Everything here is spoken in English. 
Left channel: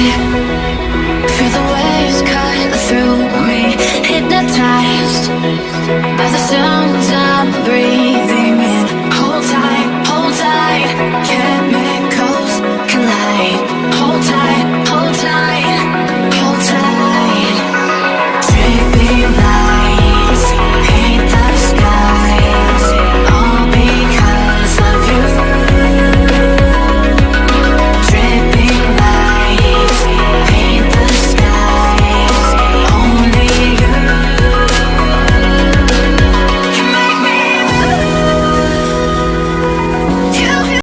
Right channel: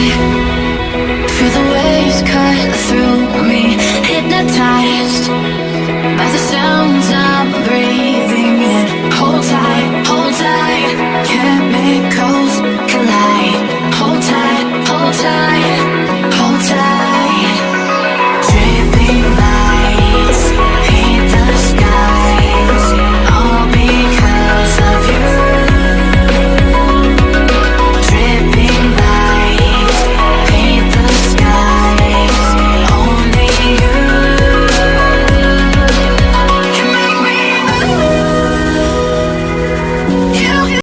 Feel the waves cut through me, hypnotized by the sounds I'm breathing in. Hold tight, chemicals collide. Hold tight.